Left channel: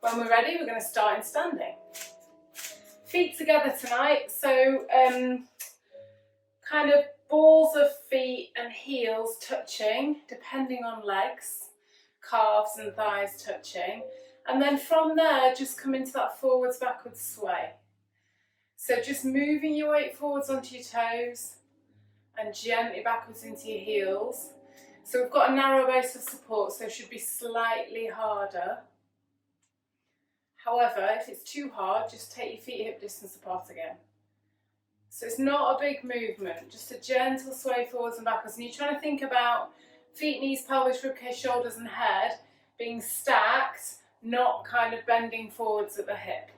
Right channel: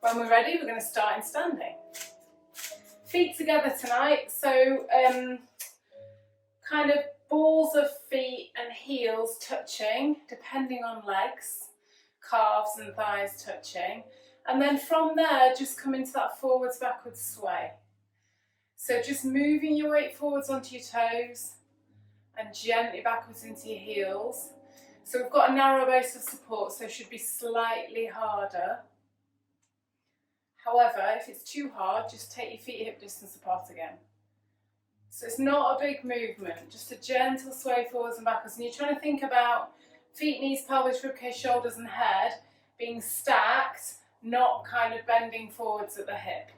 When we're ready, we're going to start in standing. Feet together tonight, so kind of balls of feet and heels touching, depending on legs, calves and thighs touching. And then from there, just come into that forwards, backwards sway. So just moving your weight forwards onto your toes and gently backwards into your heels. So we've got a narrow base of support, so it should be slightly harder. However, if it's too hard, just take your feet hip distance apart again. So it's not a big movement, just a gentle sway forwards and backwards. And you're trying to think about feet, knees, pelvis, ribcage, shoulders and head being stacked, not kind of bending forwards at the hip.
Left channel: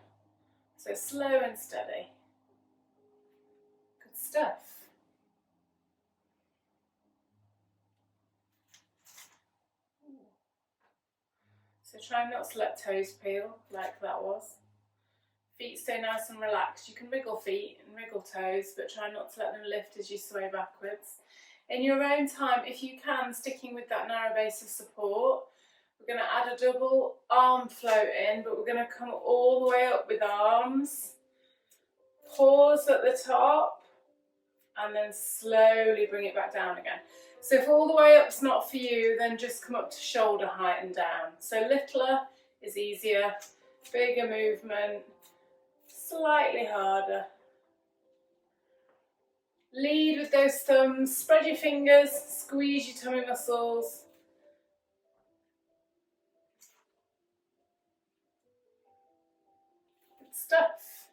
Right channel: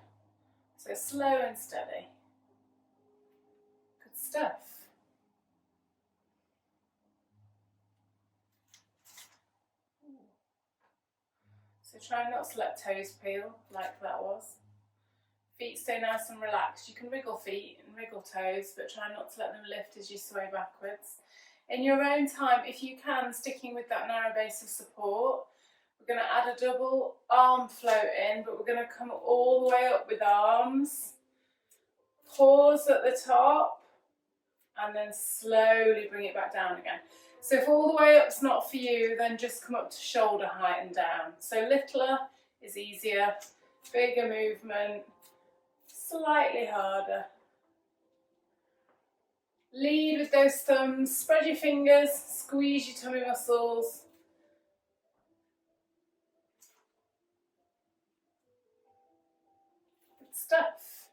So slow and steady. Good stuff. So try not to let toes peel like that was. Feet stay nice and relaxed. You can wriggle feet and wriggle toes, but try not to let them lift as you sway backwards. In your own time, if you can, sticking with that narrow base of support, we're going to add a double arm float in, but we're going to come all the way up with arms. Pause at the top, and then slowly bring it back down again. So if all the way up's not for you, then just come up to shoulder height and down. So littler is easier, bigger movement, slightly harder. Lead with those thumbs, spread your fingers, squeeze your tummy muscles. Good stuff.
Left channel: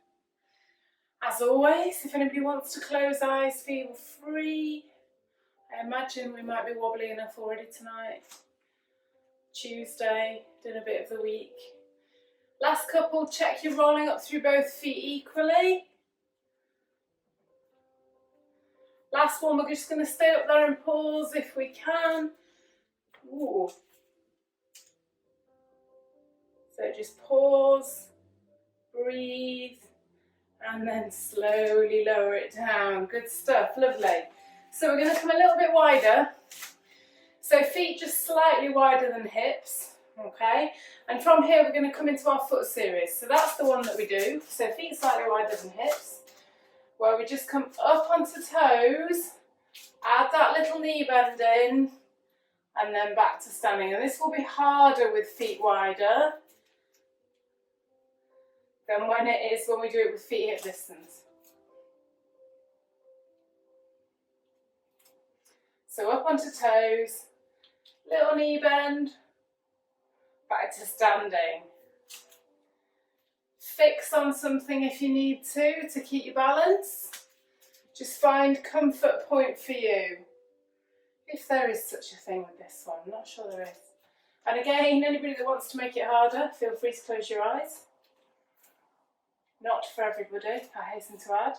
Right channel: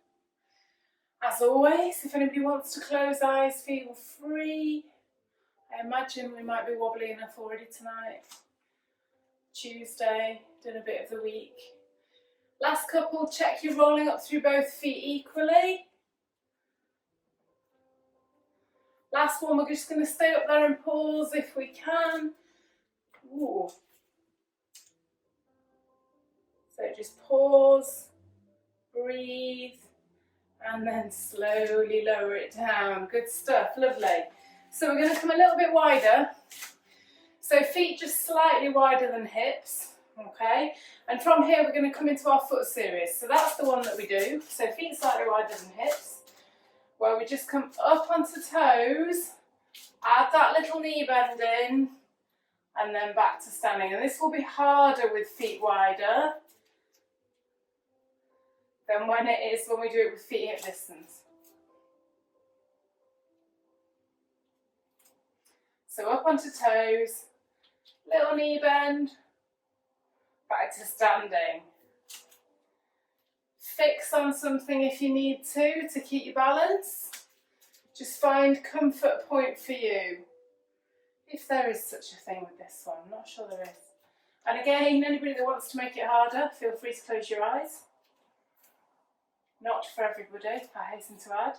As always, if anybody wants to close eyes, feel free. I imagine we might be wobbly enough already tonight. Tuesday, done a bit of the week. Last couple, check you're rolling up through both feet equally. Last one, we're just going to stay up there and pause if we can. Ooh. So just pause, breathe, and then slowly lower it down. Good stuff, lovely. So we're going to come a little bit wider. So feet just slightly wider than hips, okay? And from here we're going to come into our foot series. So that's the one that we do. So feet slightly wider than hips, where we just come up onto toes, add that little knee bend in, and then back to standing. And this will be harder with feet wider than when it is when we do it with feet hip distance. So up onto toes, little knee bend, back to standing. Fix on something if you need to keep your balance. Just find comfort point for you. If there is such a thing with this one, I'm not sure there is. And again, anybody that wants to make it harder, feel free to close your eyes. Not for everybody, I hasten to add.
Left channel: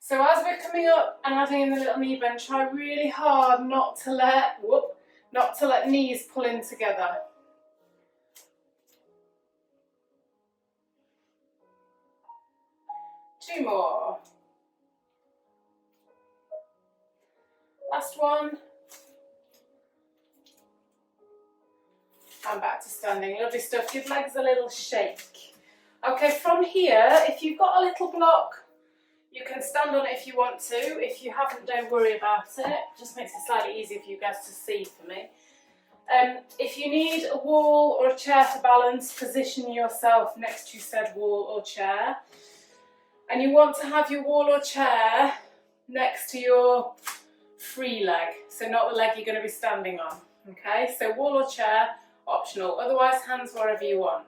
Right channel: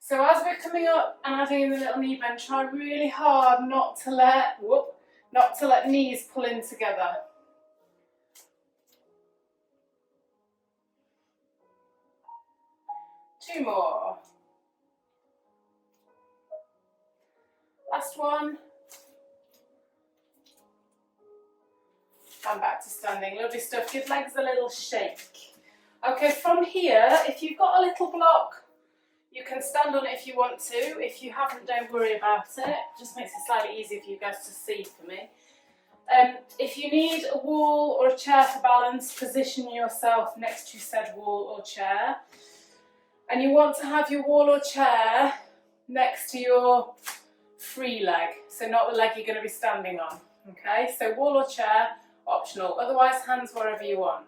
So as we're coming up and adding in the little knee bend, try really hard not to let knees pull in together. Two more. Last one. And back to standing. Lovely stuff. Give legs a little shake. Okay, from here, if you've got a little block, you can stand on it if you want to. If you haven't, don't worry about it. Just makes it slightly easier for you guys to see for me. If you need a wall or a chair for balance, position yourself next to said wall or chair. And you want to have your wall or chair next to your free leg, so not the leg you're going to be standing on. Okay, so wall or chair, optional. Otherwise, hands wherever you want.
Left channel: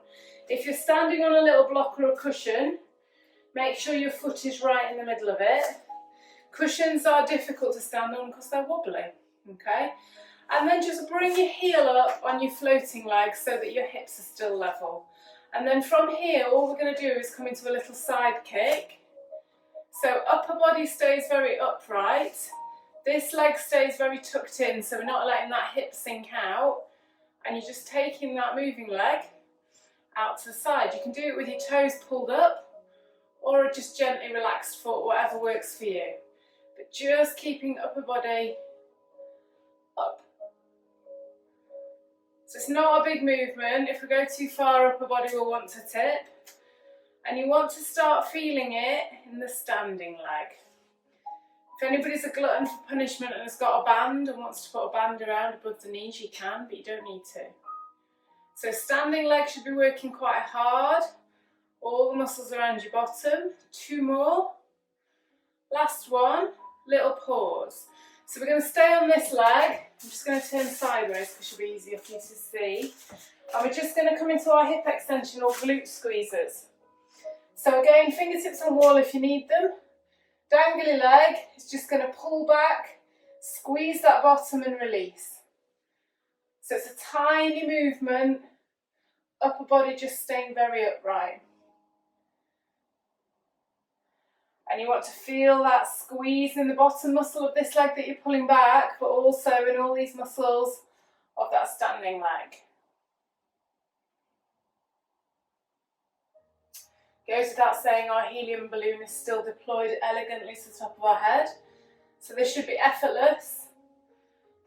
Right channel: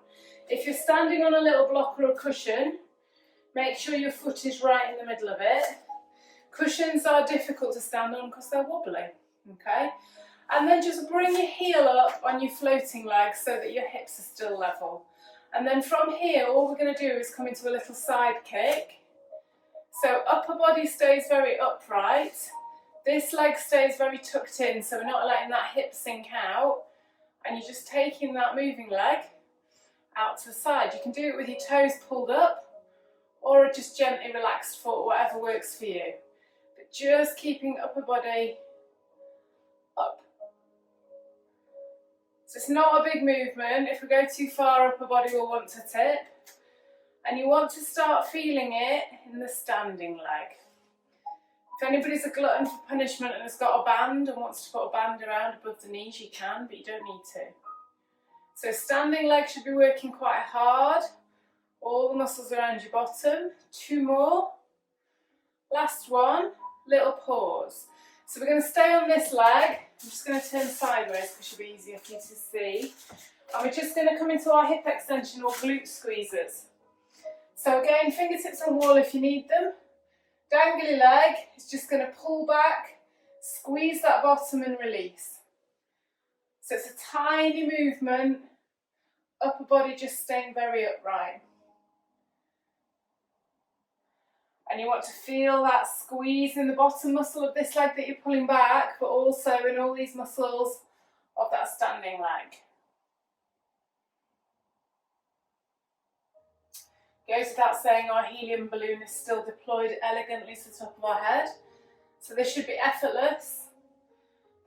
If you're standing on a little block or a cushion, make sure your foot is right in the middle of it. Cushions are difficult to stand on because they're wobbly, okay? And then just bring your heel up on your floating leg so that your hips are still level. And then from here, all we're going to do is come into a little side kick. So upper body stays very upright. This leg stays very tucked in, so we're not letting that hip sink out. And you're just taking that moving leg out to the side. You can do it with your toes pulled up or a just gently relaxed foot, whatever works for you. But just keeping upper body up. So it's not a big movement. If we go too far, upper body will want to tip. And you want to start feeling it in the standing leg. If anybody's a glutton for punishment and has got a band and wants to put a band around above the knees, you can, but you don't need to. So standing leg should be working quite hard. All the muscles around your bottom. 2 more. Last one, little pause. So we're going to stay on this leg. I'm just going to turn sideways because it should be easier for you to see. And we're just going to come into our hip extension or glute squeezers. So again, fingertips on wall if you need them. Dangly leg is just going to pull back, squeeze that bottom and release. So it's a tiny movement, upper body just staying very upright. And you want to feel that squeeze in the bottom muscle of this leg that you're pulling back, but also in all these muscles of that standing leg. Goes without saying our helium balloon is still deployed elegantly to the top of our head. So this should be effortless.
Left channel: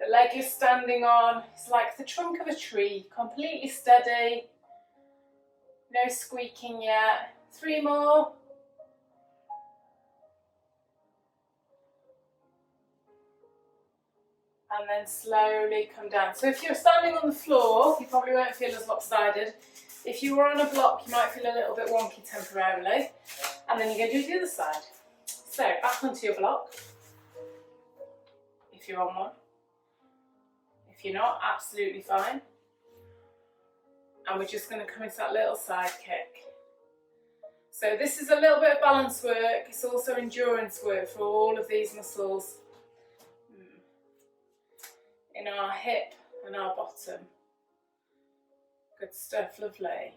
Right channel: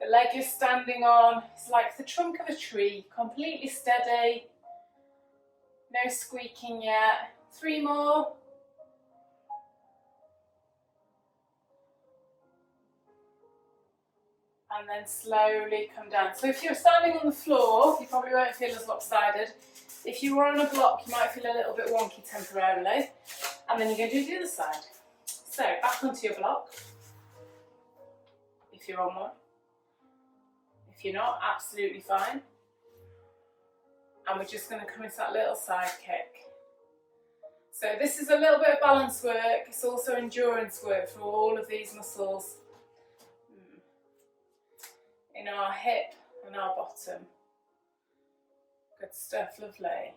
The leg you're standing on is like the trunk of a tree, completely steady. No squeaking yet. 3 more. And then slowly come down. So if you're standing on the floor, you probably won't feel as lopsided. If you were on a block, you might feel a little bit wonky temporarily. And then you're going to do the other side. So back onto your block, if you're on one. If you're not, absolutely fine. And we're just going to come into that little side kick. So this is a little bit of balance work. It's also endurance work for all of these muscles in our hip and our bottom. Good stuff, lovely.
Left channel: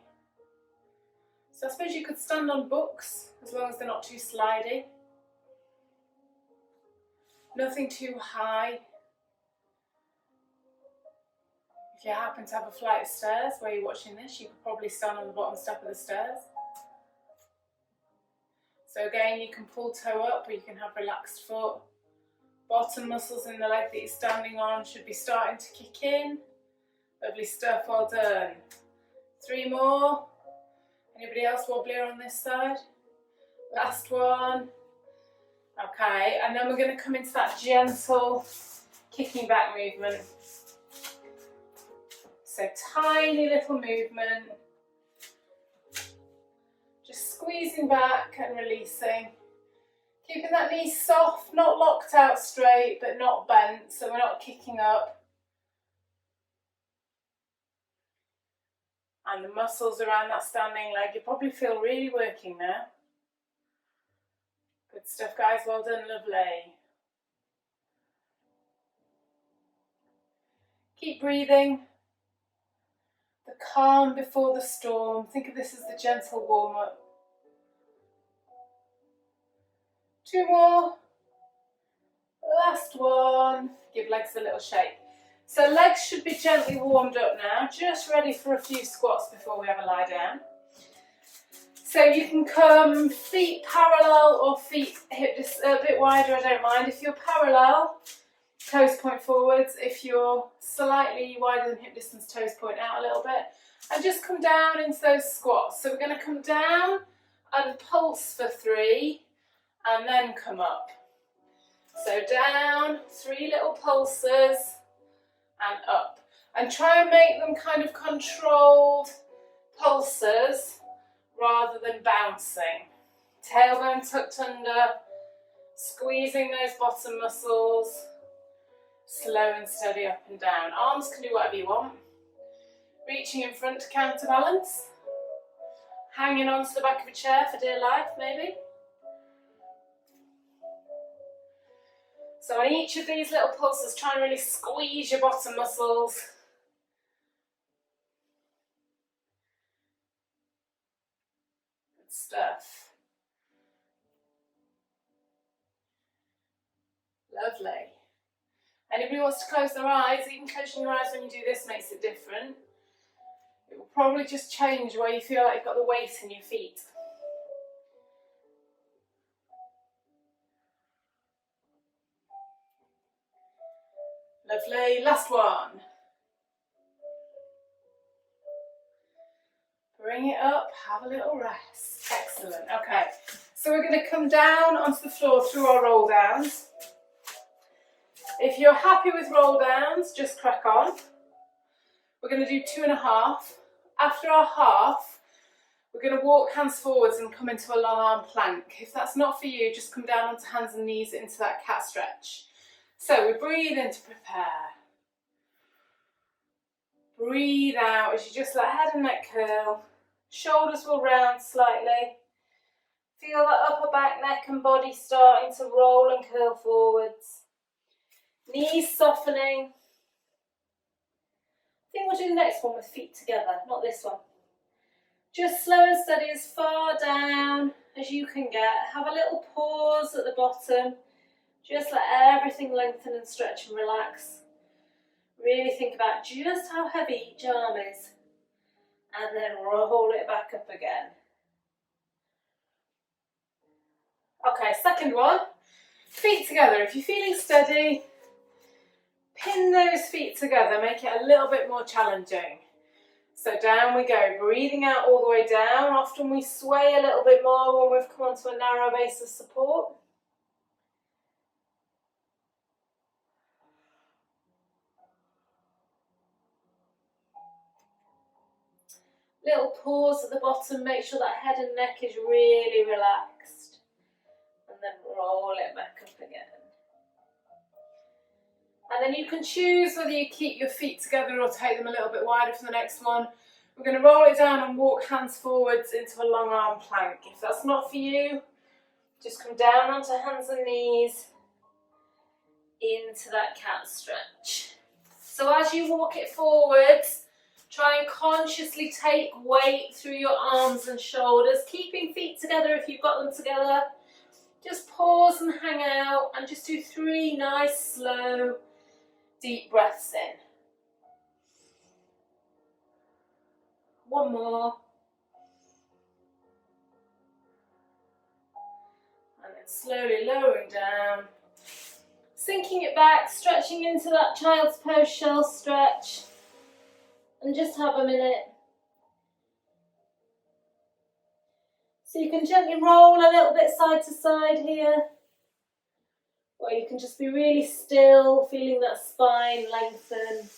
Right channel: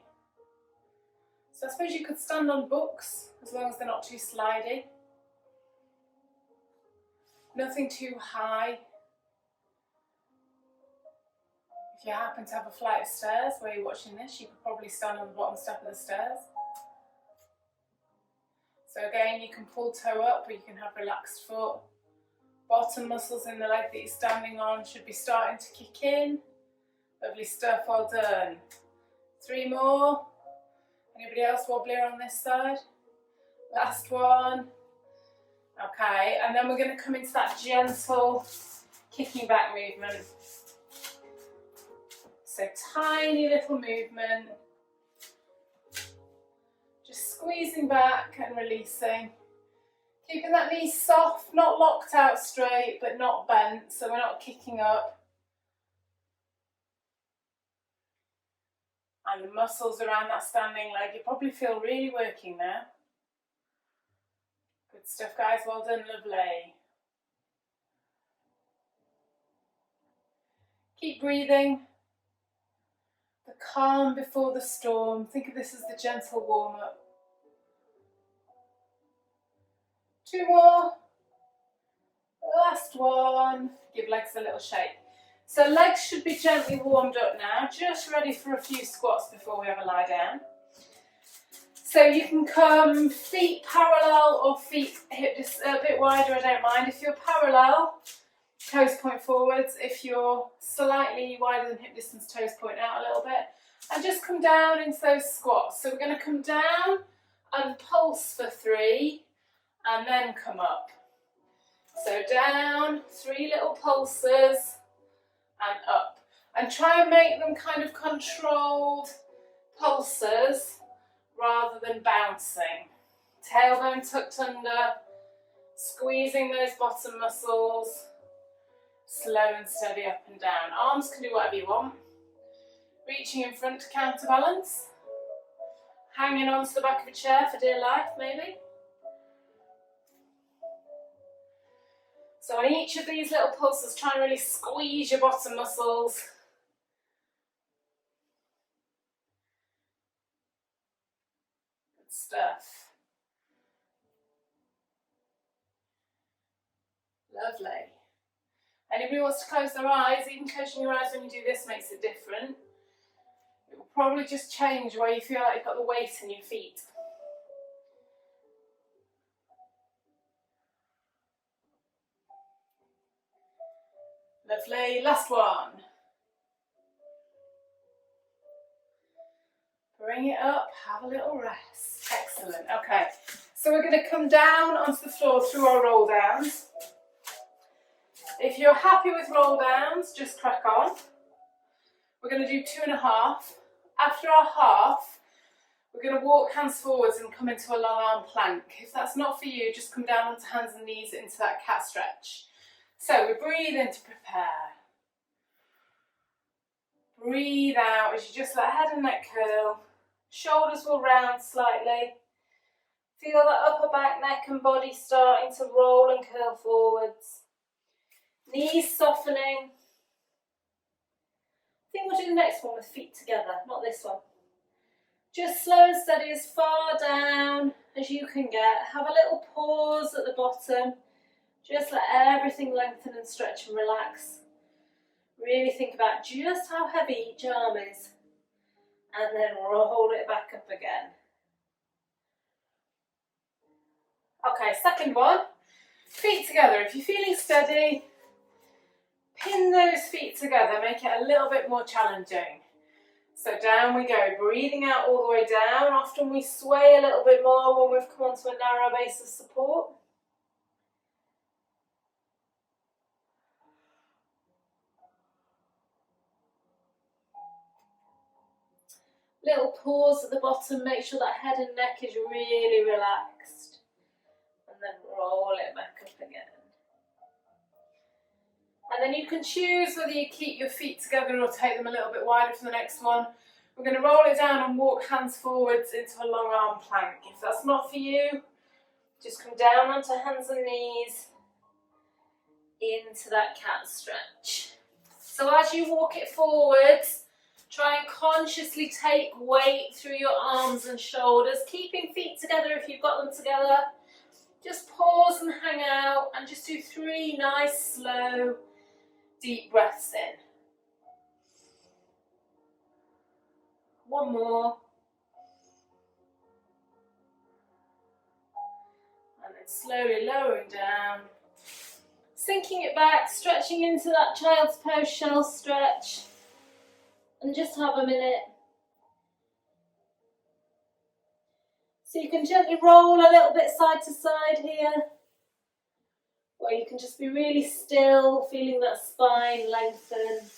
So I suppose you could stand on books as long as they're not too slidey. Nothing too high. If you happen to have a flight of stairs where you're watching this, you could probably stand on the bottom step of the stairs. So again, you can pull toe up or you can have relaxed foot. Bottom muscles in the leg that you're standing on should be starting to kick in. Lovely stuff, well done. 3 more. Anybody else wobblier on this side? Last one. Okay, and then we're going to come into that gentle kicking back movement. So tiny little movement. Just squeezing back and releasing. Keeping that knee soft, not locked out straight, but not bent, so we're not kicking up. And the muscles around that standing leg, you probably feel really working there. Good stuff, guys, well done, lovely. Keep breathing. The calm before the storm. Think of this as the gentle warm-up. 2 more. Last one. Give legs a little shake. So legs should be gently warmed up now, just ready for a few squats before we have a lie down. So you can come feet parallel or feet hip a bit wider, I don't mind. If you're parallel, toes point forwards. If you're slightly wider than hip distance, toes point out a little bit. And just come down into those squats. So we're going to come down and pulse for 3 and then come up. So down, 3 little pulses and up. And try and make them kind of controlled pulses rather than bouncing. Tailbone tucked under, squeezing those bottom muscles, slow and steady up and down. Arms can do whatever you want. Reaching in front to counterbalance. Hanging onto the back of a chair for dear life, maybe. So on each of these little pulses, try and really squeeze your bottom muscles. Good stuff. Lovely. Anybody wants to close their eyes? Even closing your eyes when you do this makes it different. It will probably just change where you feel like you've got the weight in your feet. Lovely. Last one. bring it up, have a little rest. Excellent, okay. So we're going to come down onto the floor through our roll downs. If you're happy with roll downs, just crack on. We're going to do 2.5. After our half, we're going to walk hands forwards and come into a long arm plank. If that's not for you, just come down onto hands and knees into that cat stretch. So we breathe in to prepare. Breathe out as you just let head and neck curl. Shoulders will round slightly. Feel that upper back, neck and body starting to roll and curl forwards. Knees softening. I think we'll do the next one with feet together, not this one. Just slow and steady as far down as you can get. Have a little pause at the bottom. Just let everything lengthen and stretch and relax. Really think about just how heavy each arm is. And then roll it back up again. Okay, second one. Feet together. If you're feeling steady, pin those feet together. Make it a little bit more challenging. So down we go, breathing out all the way down. Often we sway a little bit more when we've come onto a narrow base of support. Little pause at the bottom, make sure that head and neck is really relaxed. And then roll it back up again. And then you can choose whether you keep your feet together or take them a little bit wider for the next one. We're going to roll it down and walk hands forwards into a long arm plank. If that's not for you, just come down onto hands and knees into that cat stretch. So as you walk it forwards, try and consciously take weight through your arms and shoulders, keeping feet together if you've got them together. Just pause and hang out and just do 3 nice, slow, deep breaths in. One more. And then slowly lowering down. Sinking it back, stretching into that child's pose shell stretch. And just have a minute. So you can gently roll a little bit side to side here. Or you can just be really still, feeling that spine lengthen.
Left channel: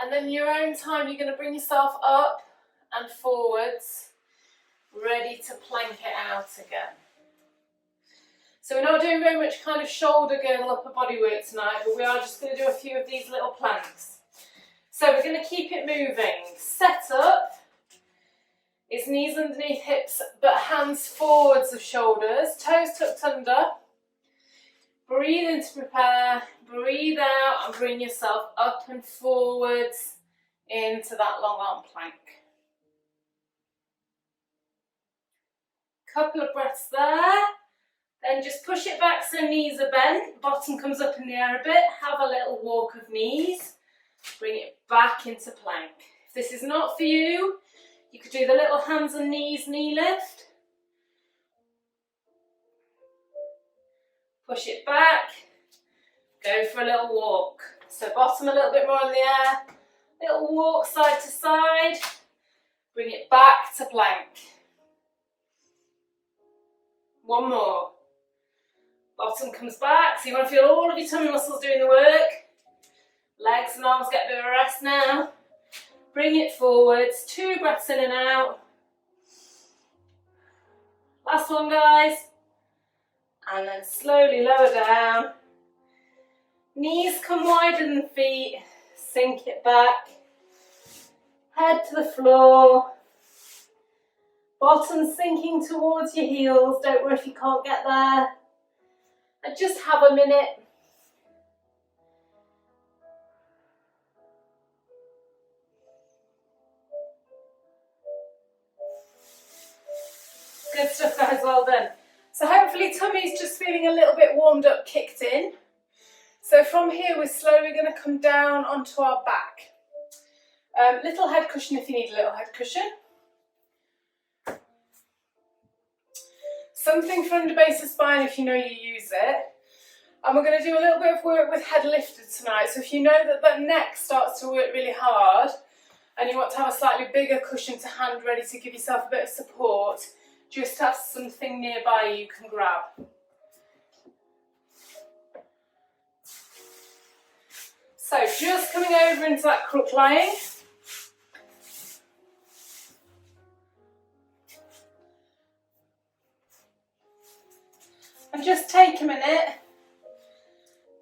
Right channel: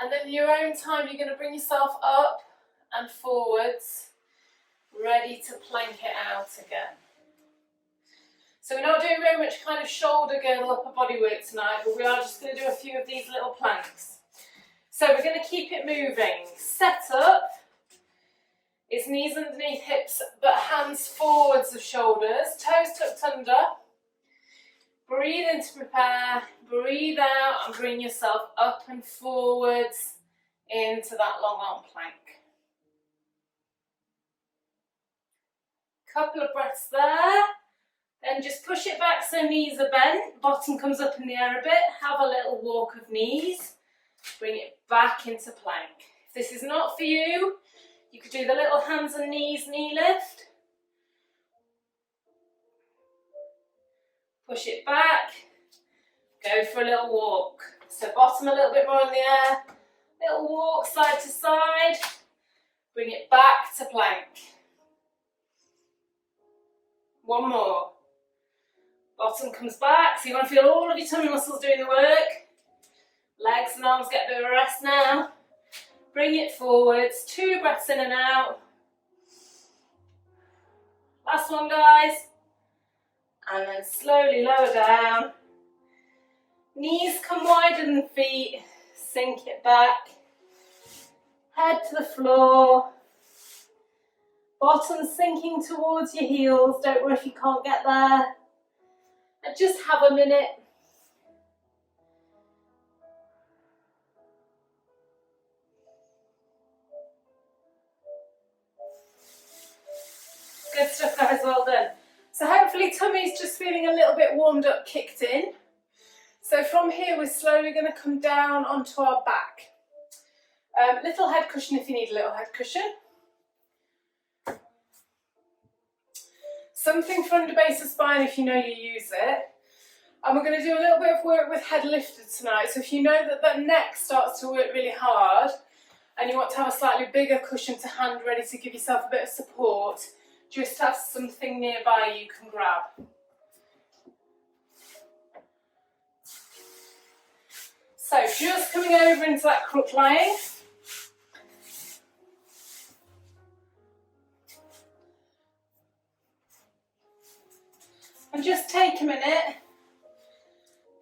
And then in your own time, you're going to bring yourself up and forwards, ready to plank it out again. So we're not doing very much kind of shoulder girdle upper body work tonight, but we are just going to do a few of these little planks. So we're going to keep it moving. Set up is knees underneath hips, but hands forwards of shoulders, toes tucked under. Breathe in to prepare, breathe out and bring yourself up and forwards into that long arm plank. Couple of breaths there. Then just push it back so knees are bent, bottom comes up in the air a bit, have a little walk of knees, bring it back into plank. If this is not for you, you could do the little hands and knees knee lift. Push it back, go for a little walk. So bottom a little bit more in the air, little walk side to side, bring it back to plank. One more. Bottom comes back, so you want to feel all of your tummy muscles doing the work. Legs and arms get a bit of a rest now. Bring it forwards, 2 breaths in and out. Last one, guys. And then slowly lower down. Knees come wider than feet, sink it back. Head to the floor. Bottom sinking towards your heels, don't worry if you can't get there. And just have a minute. Good stuff, guys, well done. So hopefully tummy's just feeling a little bit warmed up, kicked in. So from here we're slowly going to come down onto our back. Little head cushion if you need a little head cushion. Something for under base of spine if you know you use it. And we're going to do a little bit of work with head lifted tonight. So if you know that the neck starts to work really hard and you want to have a slightly bigger cushion to hand ready to give yourself a bit of support, just have something nearby you can grab. So just coming over into that crook line. And just take a minute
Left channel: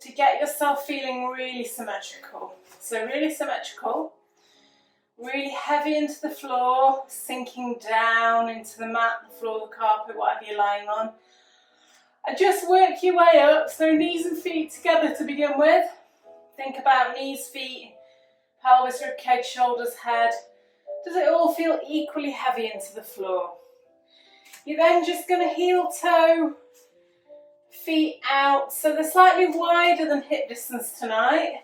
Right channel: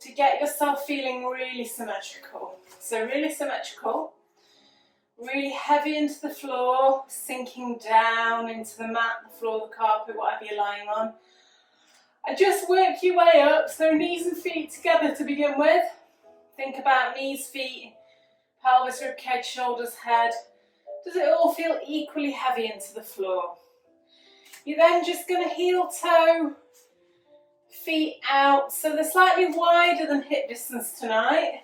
to get yourself feeling really symmetrical. So really symmetrical, really heavy into the floor, sinking down into the mat, the floor, the carpet, whatever you're lying on. And just work your way up, so knees and feet together to begin with. Think about knees, feet, pelvis, ribcage, shoulders, head. Does it all feel equally heavy into the floor? You're then just going to heel toe, feet out, so they're slightly wider than hip distance tonight.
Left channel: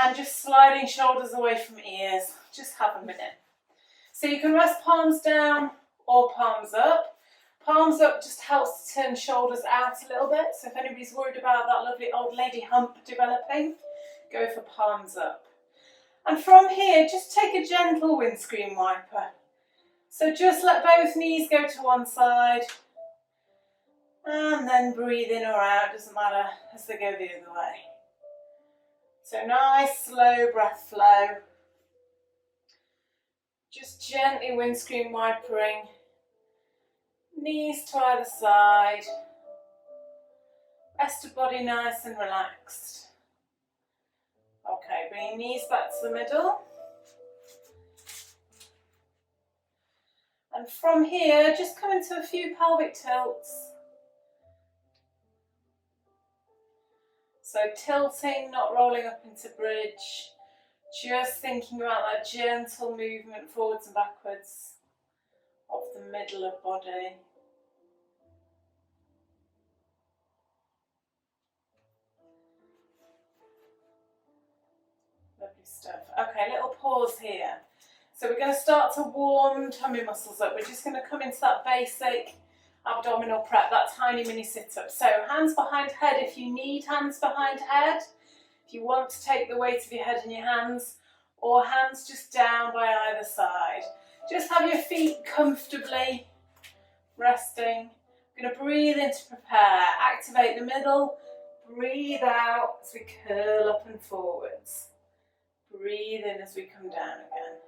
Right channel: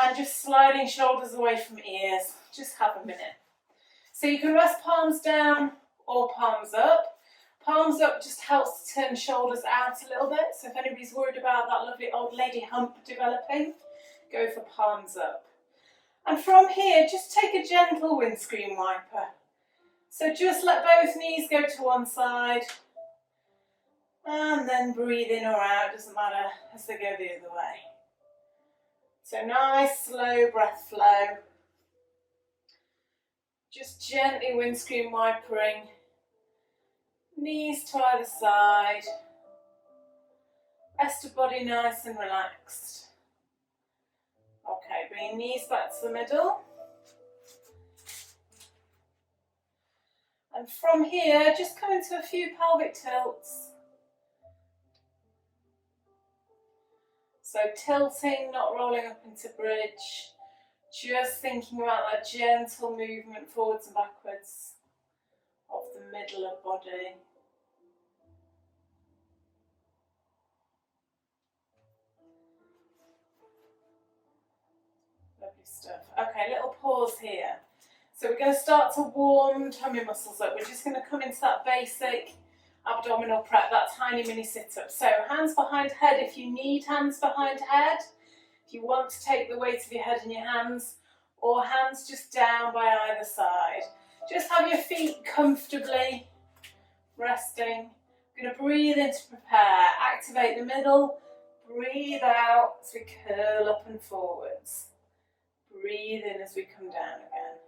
And just sliding shoulders away from ears. Just have a minute. So you can rest palms down or palms up. Palms up just helps to turn shoulders out a little bit. So if anybody's worried about that lovely old lady hump developing, go for palms up. And from here, just take a gentle windscreen wiper. So just let both knees go to one side and then breathe in or out, doesn't matter, as they go the other way. So nice slow breath flow. Just gently windscreen wipering. Knees to either side. Rest of body nice and relaxed. Okay, bring your knees back to the middle. And from here, just come into a few pelvic tilts. So tilting, not rolling up into bridge. Just thinking about that gentle movement forwards and backwards of the middle of body. Lovely stuff. Okay, little pause here. So we're going to start to warm tummy muscles up. We're just going to come into that basic abdominal prep, that tiny mini sit-up. So hands behind head if you need hands behind head. If you want to take the weight of your head in your hands, or hands just down by either side. Just have your feet comfortably resting. We're going to breathe in to prepare. Activate the middle. Breathe out as we curl up and forwards. Breathe in as we come down again.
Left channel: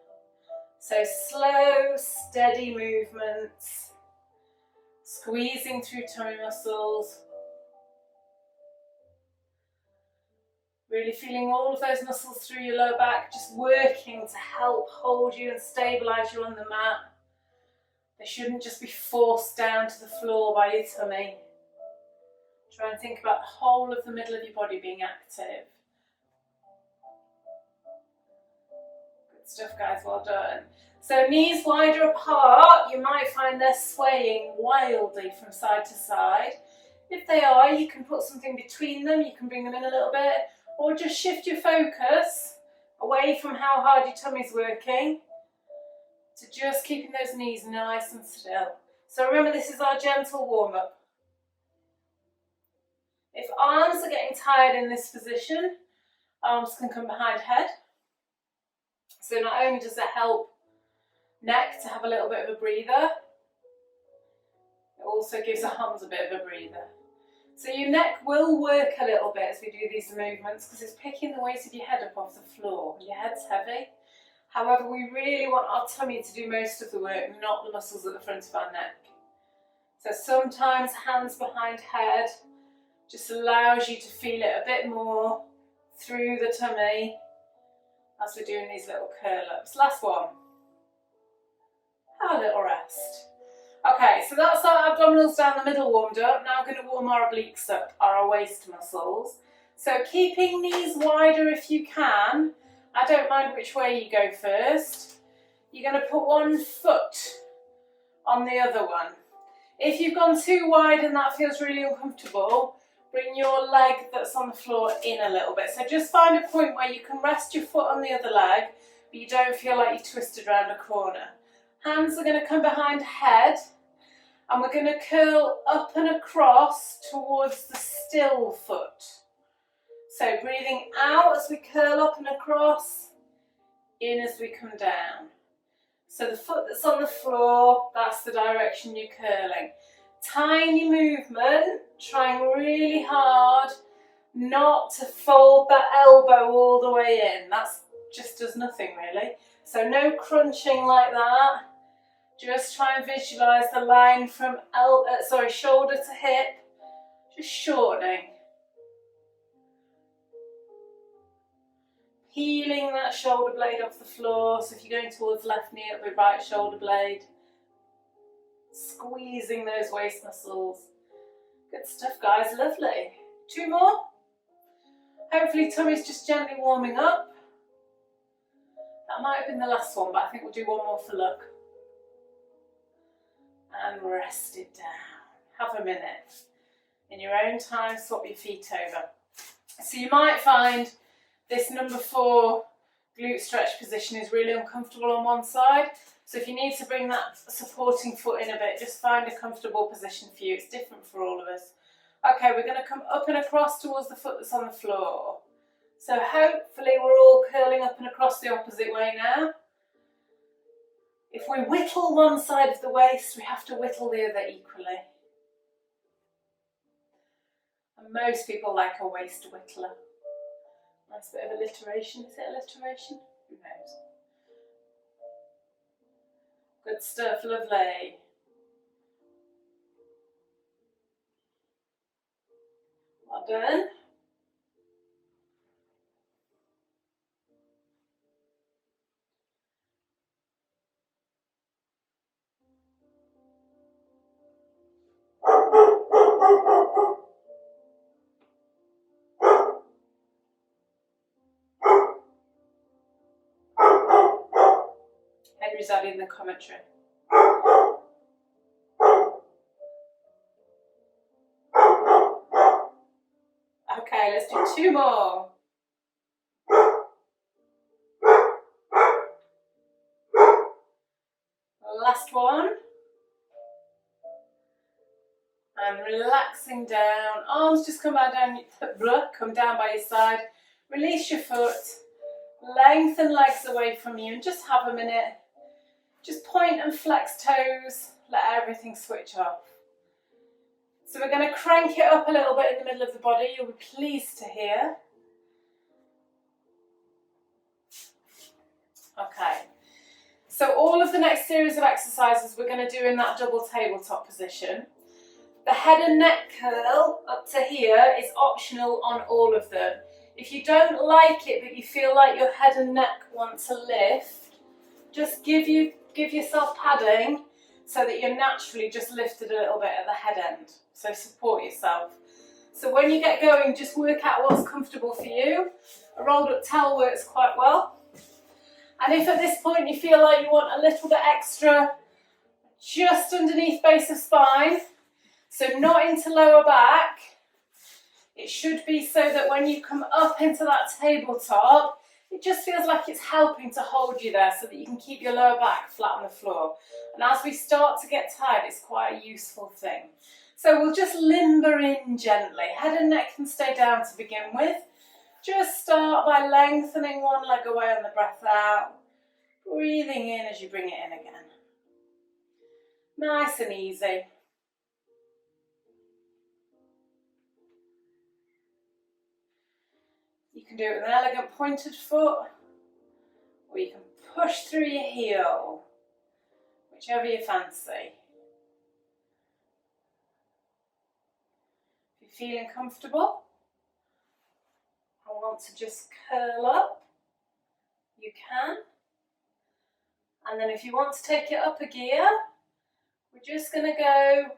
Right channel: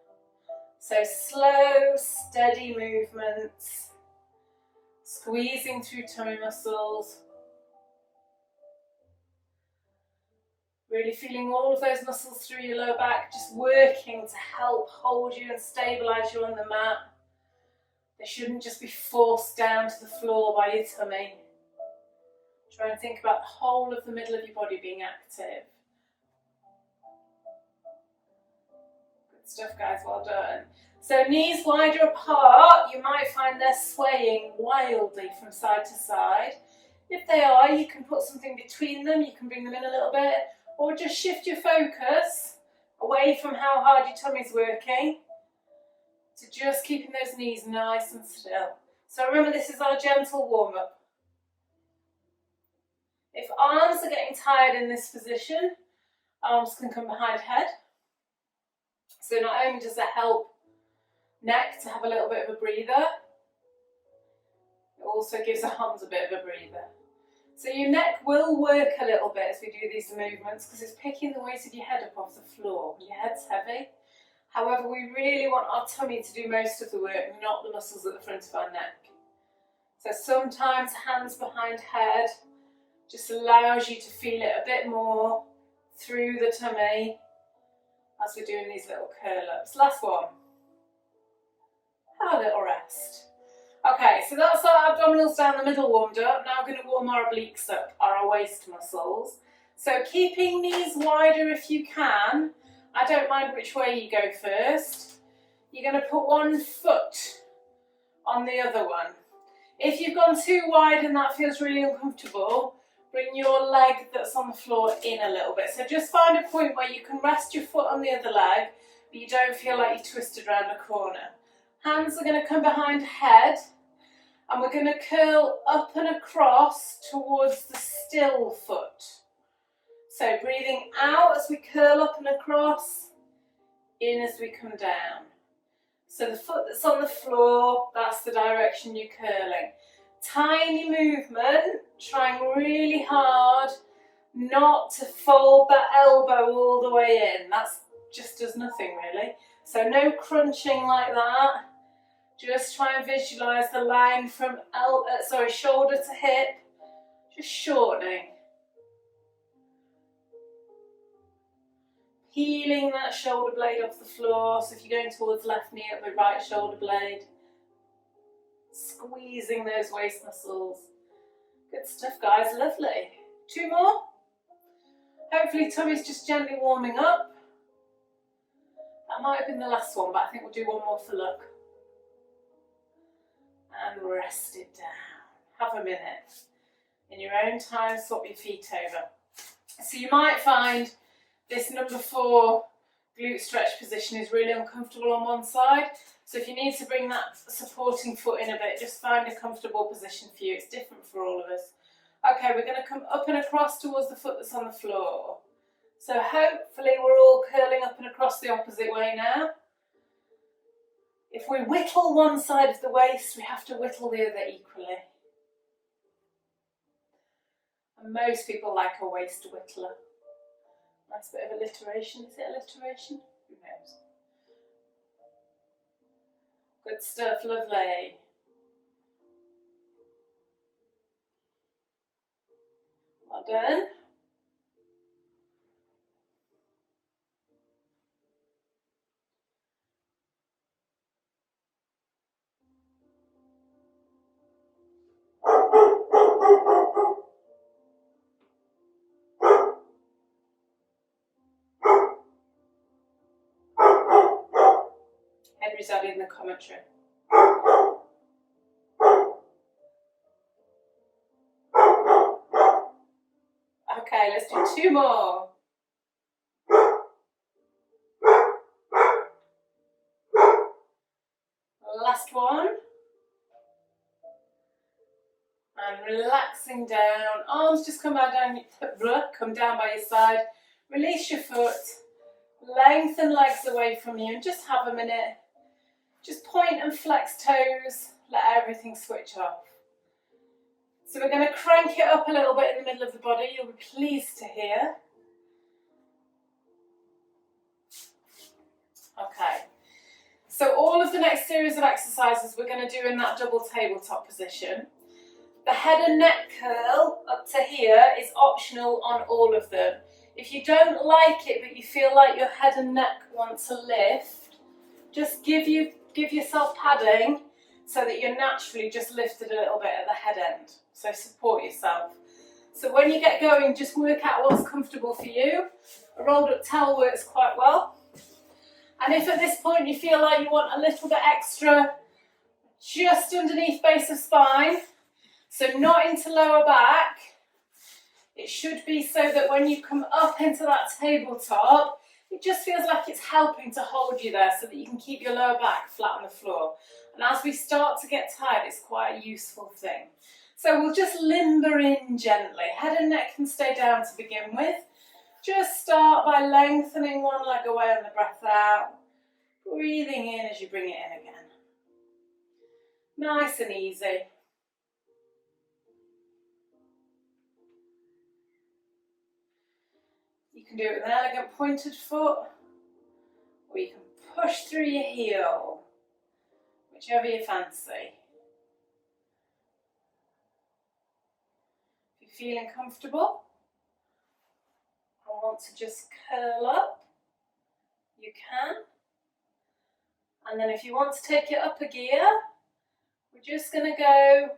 So slow, steady movements. Squeezing through tummy muscles. Really feeling all of those muscles through your lower back, just working to help hold you and stabilise you on the mat. They shouldn't just be forced down to the floor by your tummy. Try and think about the whole of the middle of your body being active. Good stuff, guys, well done. So knees wider apart, you might find they're swaying wildly from side to side. If they are, you can put something between them, you can bring them in a little bit, or just shift your focus away from how hard your tummy's working to just keeping those knees nice and still. So remember, this is our gentle warm-up. If arms are getting tired in this position, arms can come behind head. So not only does it help neck to have a little bit of a breather, it also gives arms a bit of a breather. So your neck will work a little bit as we do these movements because it's picking the weight of your head up off the floor. Your head's heavy. However, we really want our tummy to do most of the work, not the muscles at the front of our neck. So sometimes hands behind head just allows you to feel it a bit more through the tummy as we're doing these little curl-ups. Last one. Have a little rest. Okay, so that's our abdominals down the middle warmed up. Now we're going to warm our obliques up, our waist muscles. So keeping knees wider if you can. I don't mind which way you go first. You're going to put one foot on the other one. If you've gone too wide and that feels really uncomfortable, bring your leg that's on the floor in a little bit. So just find a point where you can rest your foot on the other leg, but you don't feel like you're twisted around a corner. Hands are going to come behind head, And we're going to curl up and across towards the still foot. So breathing out as we curl up and across, in as we come down. So the foot that's on the floor, that's the direction you're curling. Tiny movement, trying really hard not to fold that elbow all the way in. That just does nothing really. So no crunching like that. Just try and visualise the line from shoulder to hip, just shortening. Peeling that shoulder blade off the floor. So if you're going towards left knee, it'll be right shoulder blade. Squeezing those waist muscles. Good stuff, guys, lovely. 2 more. Hopefully tummy's just gently warming up. That might have been the last one, but I think we'll do one more for luck. And rest it down. Have a minute. In your own time, swap your feet over. So you might find this number 4 glute stretch position is really uncomfortable on one side. So if you need to bring that supporting foot in a bit, just find a comfortable position for you. It's different for all of us. Okay, we're going to come up and across towards the foot that's on the floor. So hopefully we're all curling up and across the opposite way now. If we whittle one side of the waist, we have to whittle the other equally. And most people like a waist whittler. Nice bit of alliteration. Is it alliteration? Who knows? Good stuff, lovely. Well done. Henry's adding the commentary. Okay, let's do 2 more. Last one. And relaxing down. Arms just come down by your side. Release your foot. Lengthen legs away from you and just have a minute. Just point and flex toes. Let everything switch off. So we're going to crank it up a little bit in the middle of the body. You'll be pleased to hear. Okay. So all of the next series of exercises we're going to do in that double tabletop position. The head and neck curl up to here is optional on all of them. If you don't like it but you feel like your head and neck want to lift, just give yourself padding so that you're naturally just lifted a little bit at the head end. So support yourself. So when you get going, just work out what's comfortable for you. A rolled up towel works quite well. And if at this point you feel like you want a little bit extra just underneath base of spine, so not into lower back, it should be so that when you come up into that tabletop, it just feels like it's helping to hold you there so that you can keep your lower back flat on the floor. And as we start to get tired, it's quite a useful thing. So we'll just limber in gently. Head and neck can stay down to begin with. Just start by lengthening one leg away on the breath out. Breathing in as you bring it in again. Nice and easy. You can do it with an elegant pointed foot, or you can push through your heel, whichever you fancy. If you're feeling comfortable and want to just curl up, you can. And then if you want to take it up a gear, we're just going to go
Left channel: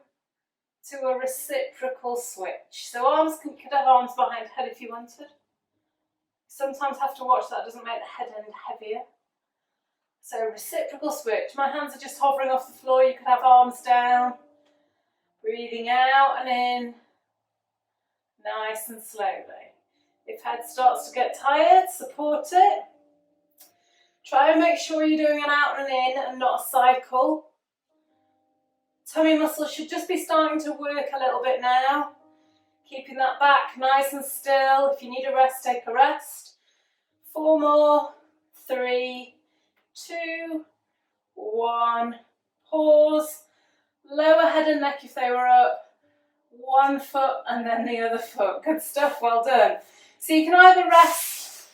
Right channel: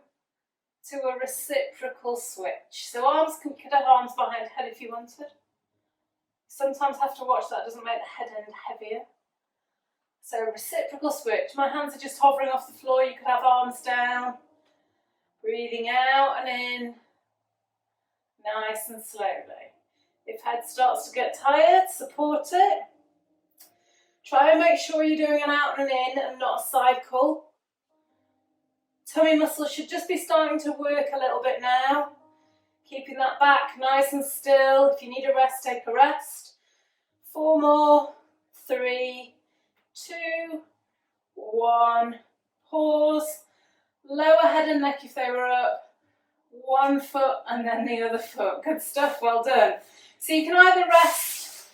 to a reciprocal switch. So you could have arms behind head if you wanted. Sometimes have to watch that doesn't make the head end heavier. So reciprocal switch. My hands are just hovering off the floor. You could have arms down. Breathing out and in. Nice and slowly. If head starts to get tired, support it. Try and make sure you're doing an out and in and not a cycle. Tummy muscles should just be starting to work a little bit now. Keeping that back nice and still. If you need a rest, take a rest. 4 more. 3, 2, 1. Pause. Lower head and neck if they were up. One foot and then the other foot. Good stuff, well done. So you can either rest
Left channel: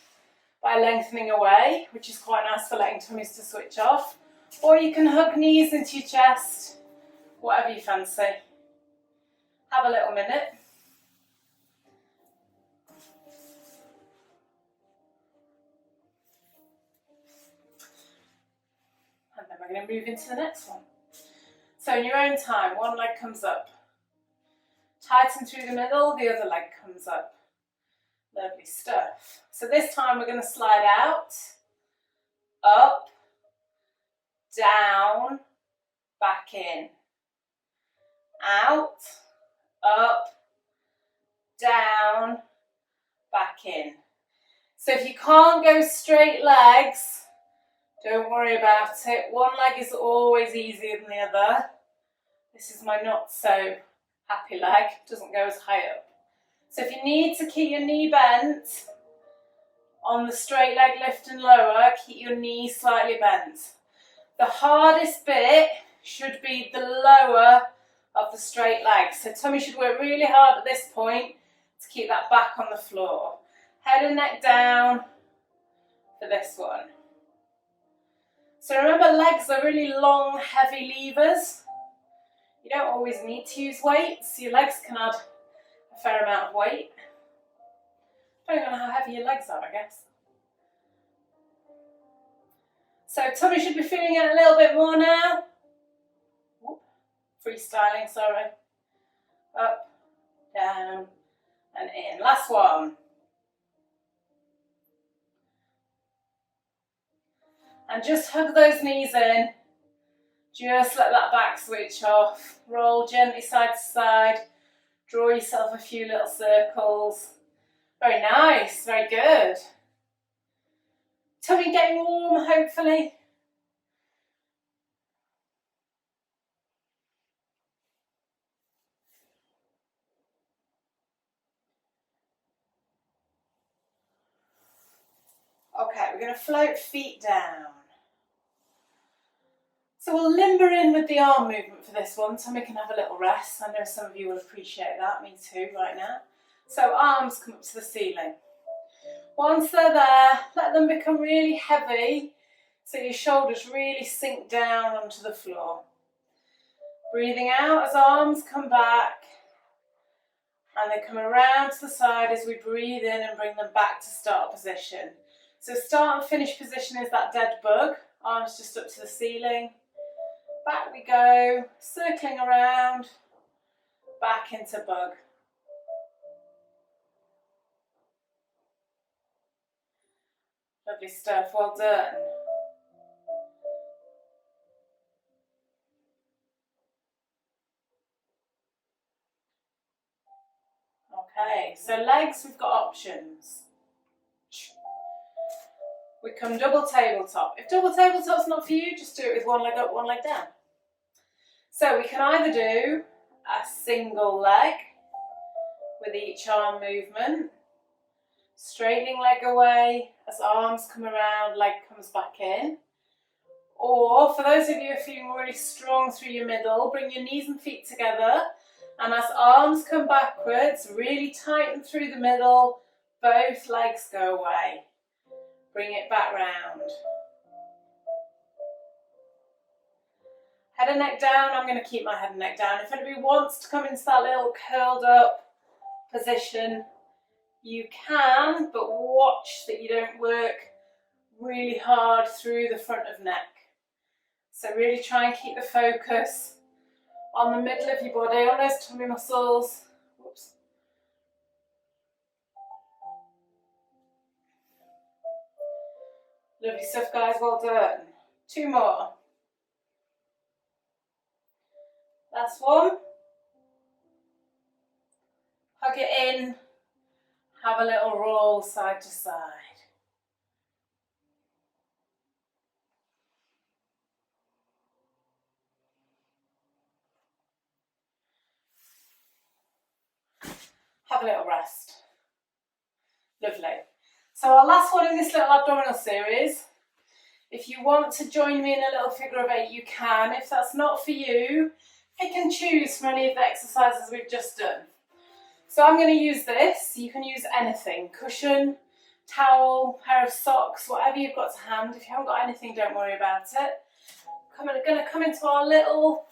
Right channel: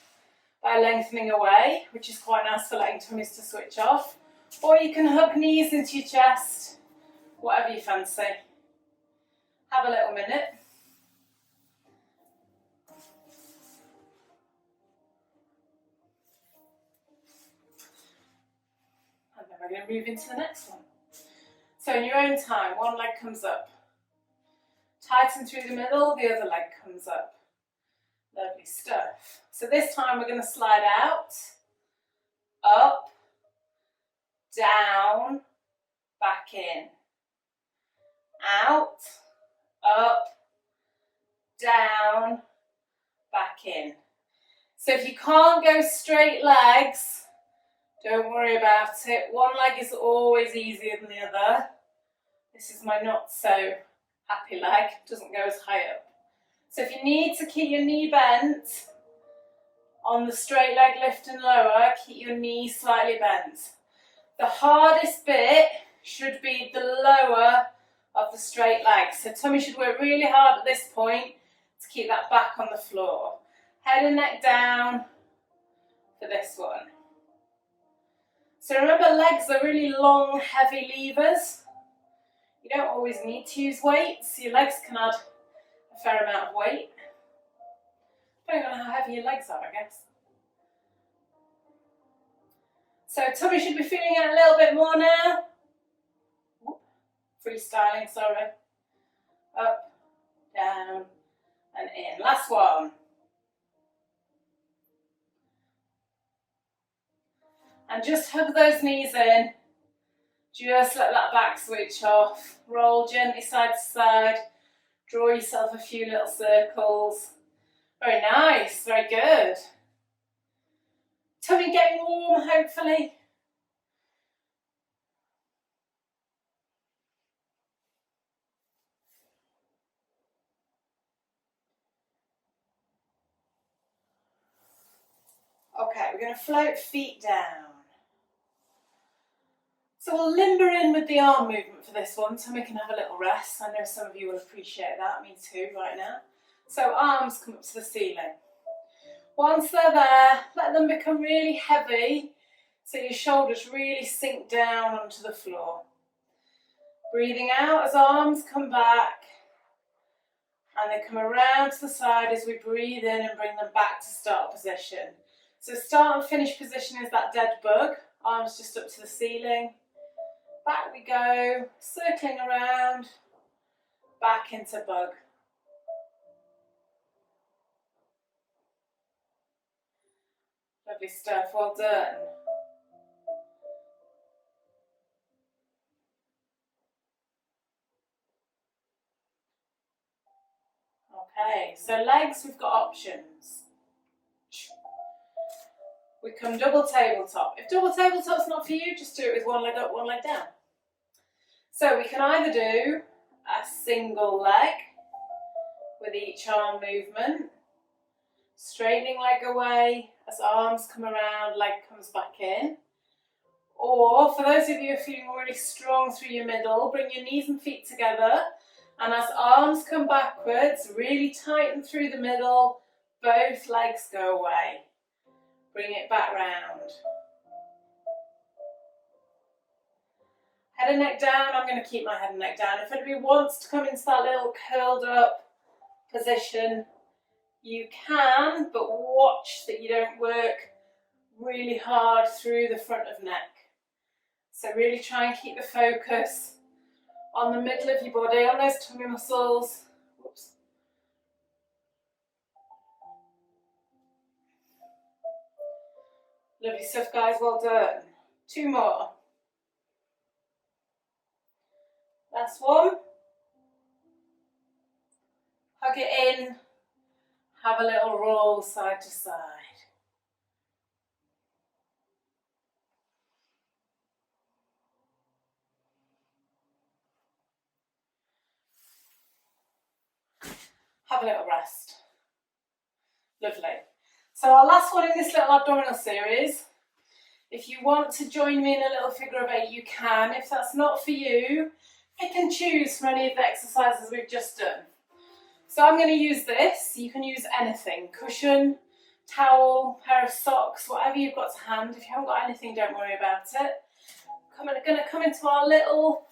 by lengthening away, which is quite nice for letting tummies to switch off, or you can hug knees into your chest, whatever you fancy. Have a little minute. And then we're going to move into the next one. So in your own time, one leg comes up. Tighten through the middle, the other leg comes up. Lovely stuff. So this time we're going to slide out, up, down, back in, out, up, down, back in. So if you can't go straight legs, don't worry about it. One leg is always easier than the other. This is my not so happy leg, doesn't go as high up. So if you need to keep your knee bent on the straight leg lift and lower, keep your knee slightly bent. The hardest bit should be the lower of the straight leg. So tummy should work really hard at this point to keep that back on the floor. Head and neck down for this one. So remember, legs are really long, heavy levers. You don't always need to use weights. Your legs can add a fair amount of weight. Depending on how heavy your legs are, I guess. So tummy should be feeling it a little bit more now. Freestyling, sorry. Up, down, and in. Last one. And just hug those knees in. Just let that back switch off. Roll gently side to side. Draw yourself a few little circles. Very nice, very good. Tummy getting warm, hopefully. Okay, we're going to float feet down. So we'll limber in with the arm movement for this one, tummy can have a little rest. I know some of you will appreciate that, me too, right now. So arms come up to the ceiling. Once they're there, let them become really heavy, so your shoulders really sink down onto the floor. Breathing out as arms come back, and they come around to the side as we breathe in and bring them back to start position. So start and finish position is that dead bug, arms just up to the ceiling. Back we go, circling around, back into bug. Lovely stuff, well done. Okay, so legs, we've got options. We come double tabletop. If double tabletop's not for you, just do it with one leg up, one leg down. So we can either do a single leg with each arm movement, straightening leg away as arms come around, leg comes back in. Or for those of you who are feeling really strong through your middle, bring your knees and feet together, and as arms come backwards, really tighten through the middle, both legs go away. Bring it back round. Head and neck down. I'm going to keep my head and neck down. If anybody wants to come into that little curled up position, you can, but watch that you don't work really hard through the front of neck. So really try and keep the focus on the middle of your body, on those tummy muscles. Whoops. Lovely stuff, guys, well done. 2 more. Last one. Hug it in. Have a little roll side to side. a little rest. Lovely. So our last one in this little abdominal series. If you want to join me in a little figure of 8, you can. If that's not for you, pick and choose from any of the exercises we've just done. So I'm going to use this. You can use anything, cushion, towel, pair of socks, whatever you've got to hand. If you haven't got anything, don't worry about it. I'm going to come into our little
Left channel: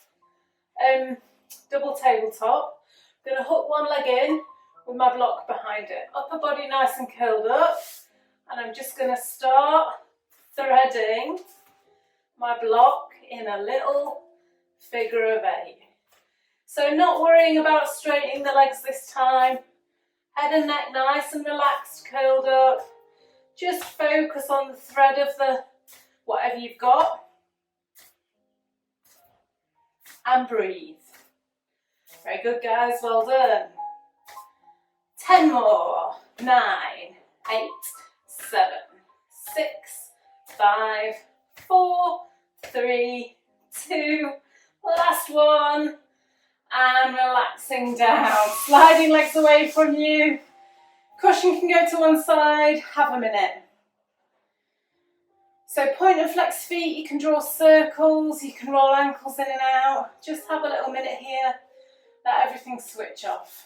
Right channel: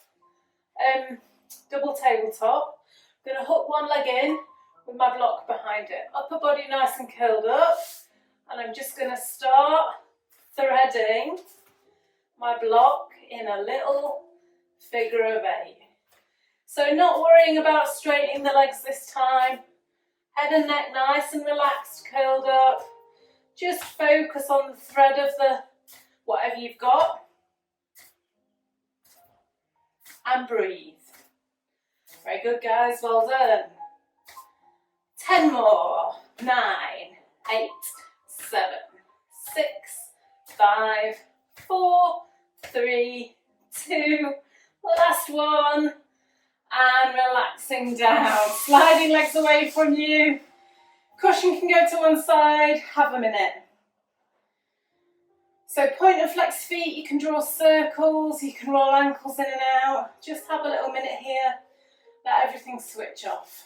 double tabletop. I'm going to hook one leg in with my block behind it. Upper body nice and curled up. And I'm just going to start threading my block in a little figure of 8. So not worrying about straightening the legs this time. Head and neck nice and relaxed, curled up. Just focus on the thread of the whatever you've got. And breathe. Very good, guys, well done. 10 more. 9, 8, 7, 6, 5, 4, 3, 2, last one. And relaxing down, sliding legs away from you. Cushion can go to one side, have a minute. So point and flex feet, you can draw circles, you can roll ankles in and out. Just have a little minute here, let everything switch off.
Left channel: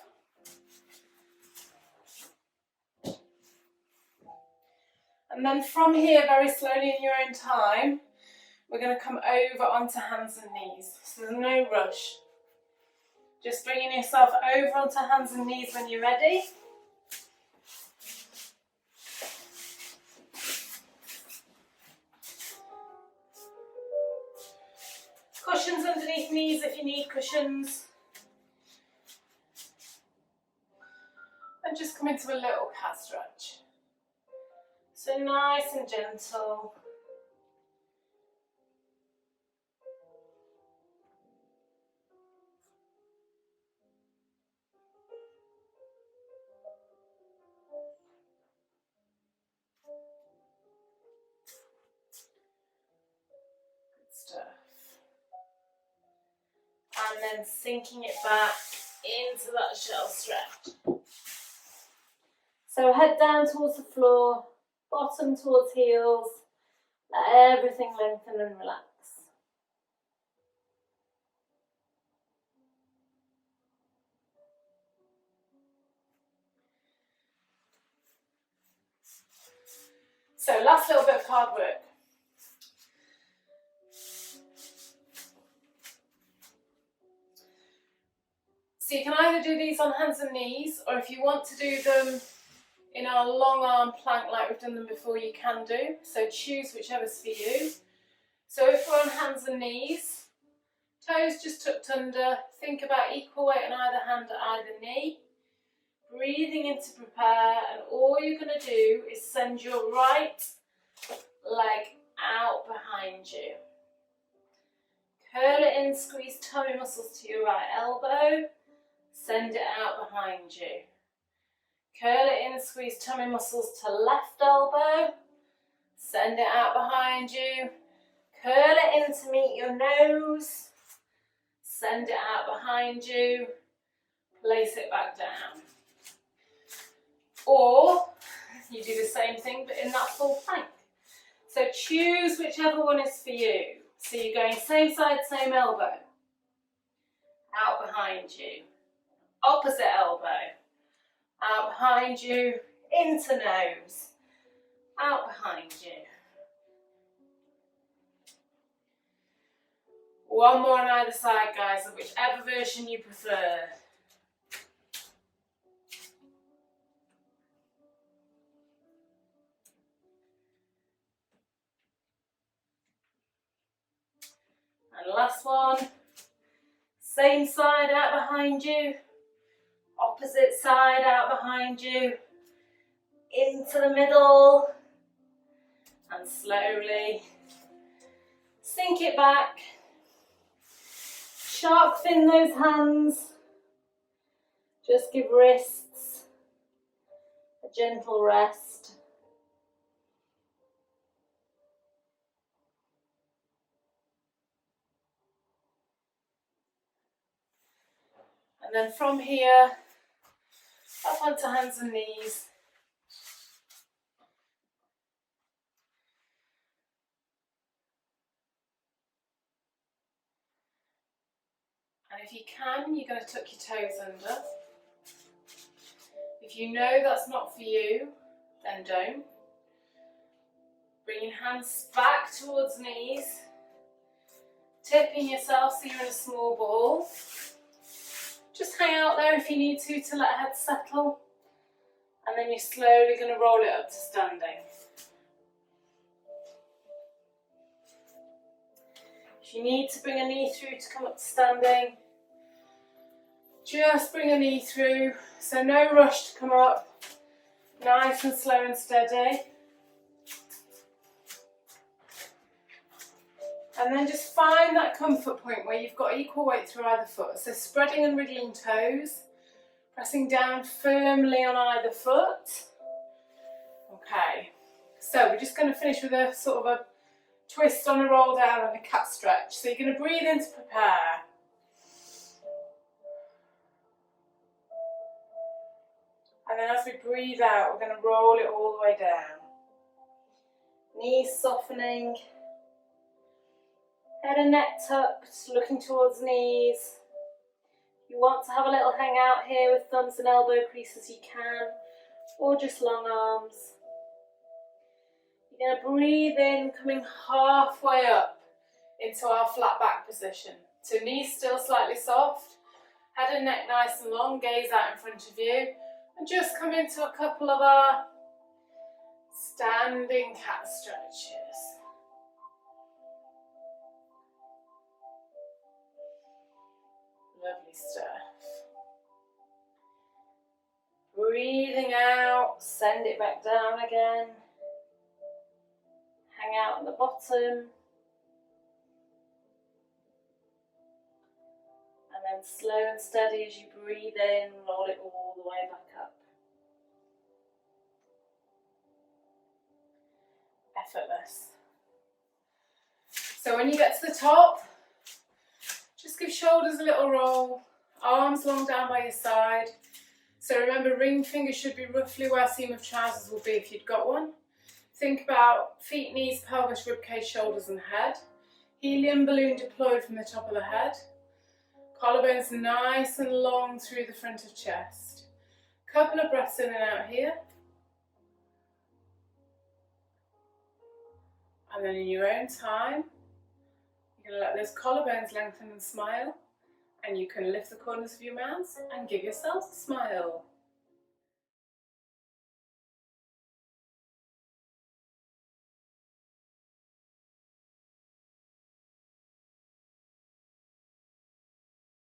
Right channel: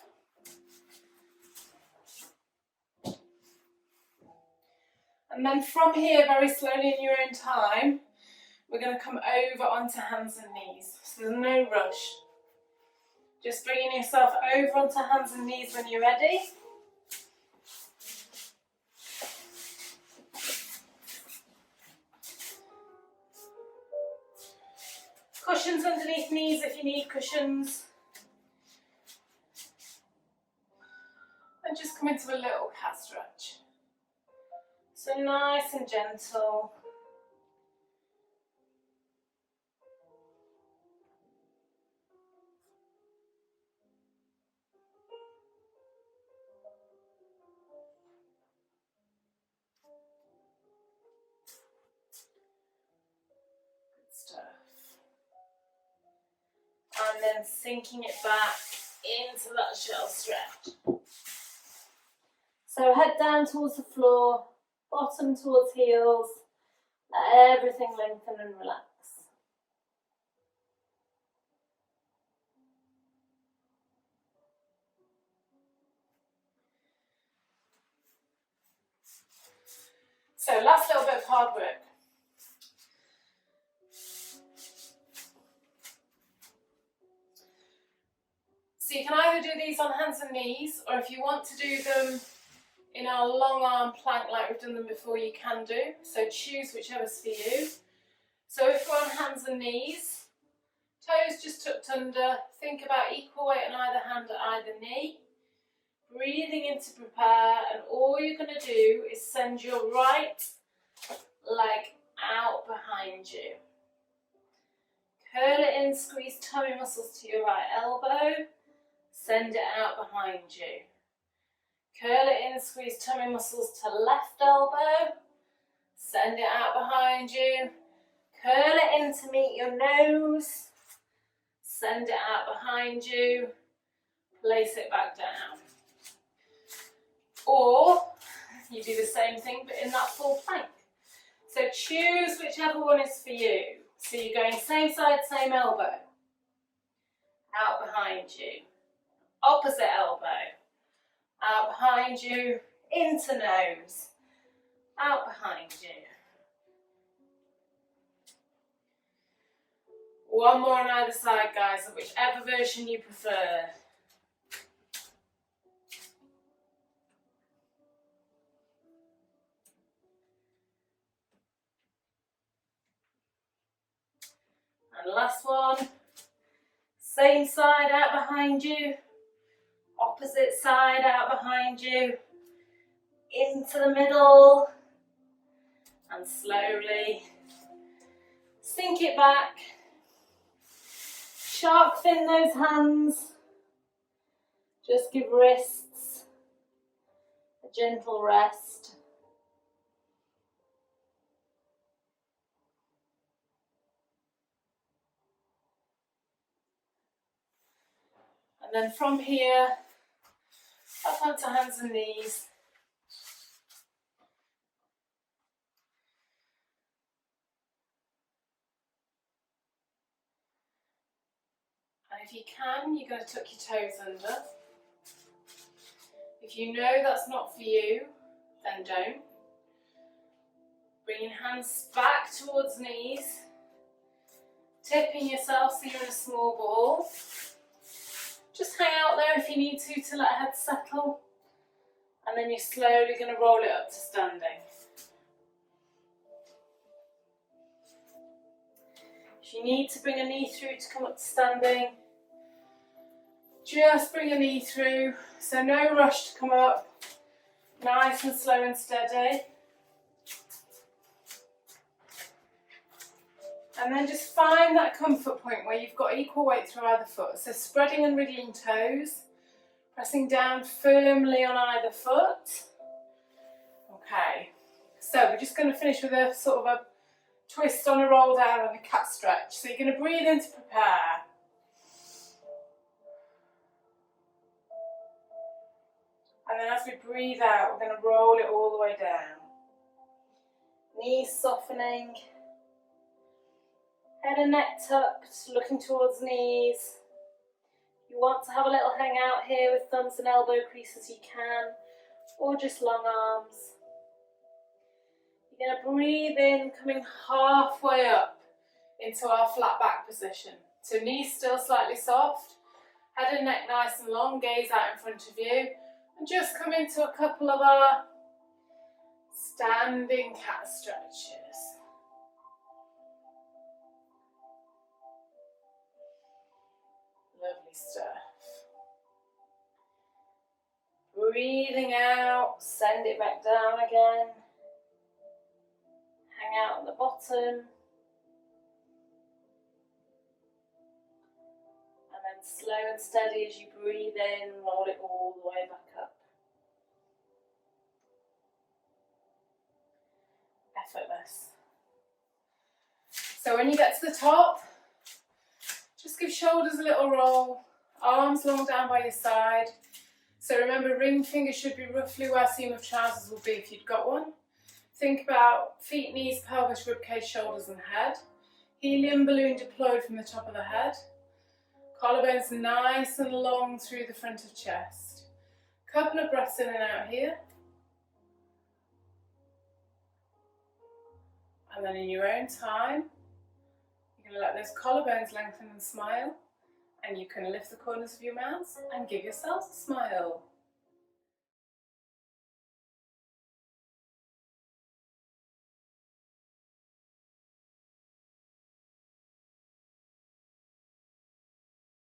And then from here, very slowly in your own time, we're going to come over onto hands and knees. So there's no rush. Just bringing yourself over onto hands and knees when you're ready. Cushions underneath knees if you need cushions. And just come into a little cat stretch. So nice and gentle. And then sinking it back into that shell stretch. So head down towards the floor, bottom towards heels, let everything lengthen and relax. So last little bit of hard work. So you can either do these on hands and knees, or if you want to do them in our long arm plank like we've done them before, you can do. So choose whichever's for you. So if we're on hands and knees, toes just tucked under, think about equal weight on either hand at either knee. Breathing in to prepare, and all you're going to do is send your right leg out behind you. Curl it in, squeeze tummy muscles to your right elbow. Send it out behind you. Curl it in, squeeze tummy muscles to left elbow. Send it out behind you. Curl it in to meet your nose. Send it out behind you. Place it back down. Or you do the same thing but in that full plank. So choose whichever one is for you. So you're going same side, same elbow. Out behind you. Opposite elbow. Out behind you, into nose. Out behind you. One more on either side, guys, of whichever version you prefer. And last one. Same side out behind you. Opposite side out behind you. Into the middle. And slowly sink it back. Shark fin those hands. Just give wrists a gentle rest. And then from here, Up onto hands and knees. And if you can, you're going to tuck your toes under. If you know that's not for you, then don't. Bring your hands back towards knees. Tipping yourself so you're in a small ball. Just hang out there if you need to let head settle. And then you're slowly going to roll it up to standing. If you need to bring a knee through to come up to standing, just bring a knee through. So no rush to come up. Nice and slow and steady. And then just find that comfort point where you've got equal weight through either foot. So spreading and wriggling toes, pressing down firmly on either foot. Okay, so we're just going to finish with a sort of a twist on a roll down and a cat stretch. So you're going to breathe in to prepare. And then as we breathe out, we're going to roll it all the way down. Knees softening. Head and neck tucked, looking towards knees. You want to have a little hang out here with thumbs and elbow creases, you can, or just long arms. You're going to breathe in, coming halfway up into our flat back position. So knees still slightly soft, head and neck nice and long, gaze out in front of you, and just come into a couple of our standing cat stretches. Lovely stuff. Breathing out, send it back down again. Hang out at the bottom. And then slow and steady as you breathe in, roll it all the way back up. Effortless. So when you get to the top, just give shoulders a little roll, arms long down by your side. So remember, ring fingers should be roughly where seam of trousers will be if you'd got one. Think about feet, knees, pelvis, ribcage, shoulders and head. Helium balloon deployed from the top of the head. Collarbones nice and long through the front of chest. Couple of breaths in and out here. And then in your own time, you're going to let those collarbones lengthen and smile, and you can lift the corners of your mouth and give yourselves a smile.